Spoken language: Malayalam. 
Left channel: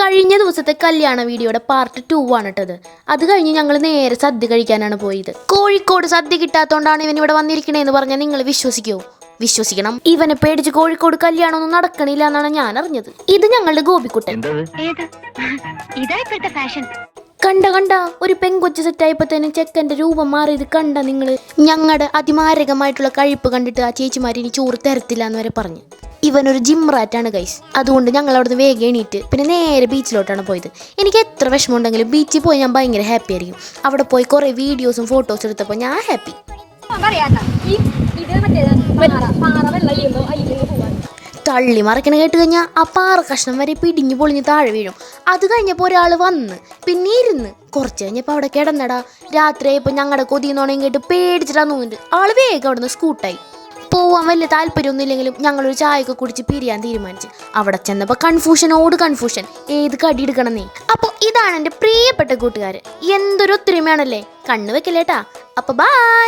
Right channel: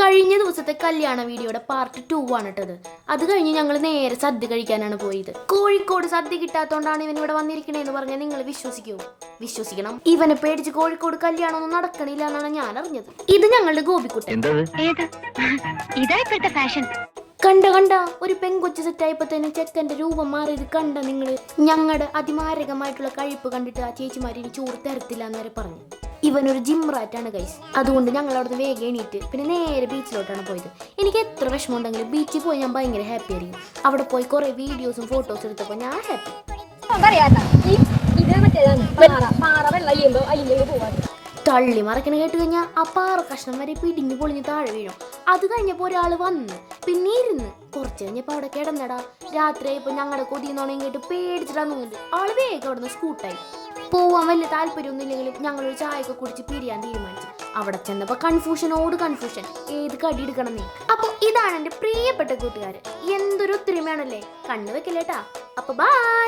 കഴിഞ്ഞ ദിവസത്തെ കല്യാണ വീഡിയോയുടെ പാർട്ട് 2 ആണ് ഇട്ടത്. അത് കഴിഞ്ഞ് ഞങ്ങൾ നേരെ സദ്യ കഴിക്കാനാണ് പോയത്. കോഴിക്കോട് സദ്യ കിട്ടാത്തോണ്ടാണ് ഇവൻ ഇവിടെ വന്നിരിക്കണേന്ന് പറഞ്ഞാൽ നിങ്ങൾ വിശ്വസിക്കുമോ? വിശ്വസിക്കണം. ഇവനെ പേടിച്ച് കോഴിക്കോട് കല്യാണമൊന്നും നടക്കണില്ല എന്നാണ് ഞാൻ അറിഞ്ഞത്. ഇത് ഞങ്ങളുടെ ഗോപിക്കുട്ടൻ. കണ്ട ഒരു പെങ്കൊച്ച് സെറ്റായപ്പോ തന്നെ ചെക്കന്റെ രൂപം മാറിയത് കണ്ട നിങ്ങൾ. ഞങ്ങളുടെ അതിമാരകമായിട്ടുള്ള കഴിപ്പ് കണ്ടിട്ട് ആ ചേച്ചിമാരിനി ചോറ് തരത്തില്ല എന്ന് വരെ പറഞ്ഞു. ഇവനൊരു ജിം റാറ്റാണ് ഗൈസ്. അതുകൊണ്ട് ഞങ്ങൾ അവിടുന്ന് വേഗം എണീറ്റ് പിന്നെ നേരെ ബീച്ചിലോട്ടാണ് പോയത്. എനിക്ക് എത്ര വിഷമം ഉണ്ടെങ്കിലും ബീച്ചിൽ പോയി ഞാൻ ഭയങ്കര ഹാപ്പി ആയിരിക്കും. അവിടെ പോയി കുറേ വീഡിയോസും ഫോട്ടോസും എടുത്തപ്പോൾ ഞാൻ ഹാപ്പി. തള്ളി മറിക്കണ കേട്ട് കഴിഞ്ഞാൽ ആ പാറ കഷ്ണം വരെ പിടിഞ്ഞു പൊളിഞ്ഞ് താഴെ വീഴും. അത് കഴിഞ്ഞപ്പോൾ ഒരാൾ വന്ന് പിന്നെ ഇരുന്ന് കുറച്ച് കഴിഞ്ഞപ്പോൾ അവിടെ കിടന്നടാ. രാത്രിയായപ്പോൾ ഞങ്ങളുടെ കൊതിയെന്നോണം കേട്ട് പേടിച്ചിട്ടാന്ന് തോന്നുന്നുണ്ട്. ആള് വേഗം അവിടെ നിന്ന് സ്കൂട്ടായി. പോവാൻ വലിയ താല്പര്യമൊന്നും ഇല്ലെങ്കിലും ഞങ്ങളൊരു ചായയൊക്കെ കുടിച്ച് പിരിയാൻ തീരുമാനിച്ചു. അവിടെ ചെന്നപ്പോൾ കൺഫ്യൂഷൻ ഏത് കടി എടുക്കണം നീ. അപ്പോൾ ഇതാണ് എൻ്റെ പ്രിയപ്പെട്ട കൂട്ടുകാർ. എന്തൊരു ഒത്തൊരുമയാണല്ലേ. കണ്ണു വെക്കല്ലേട്ടാ. അപ്പോൾ ബൈ.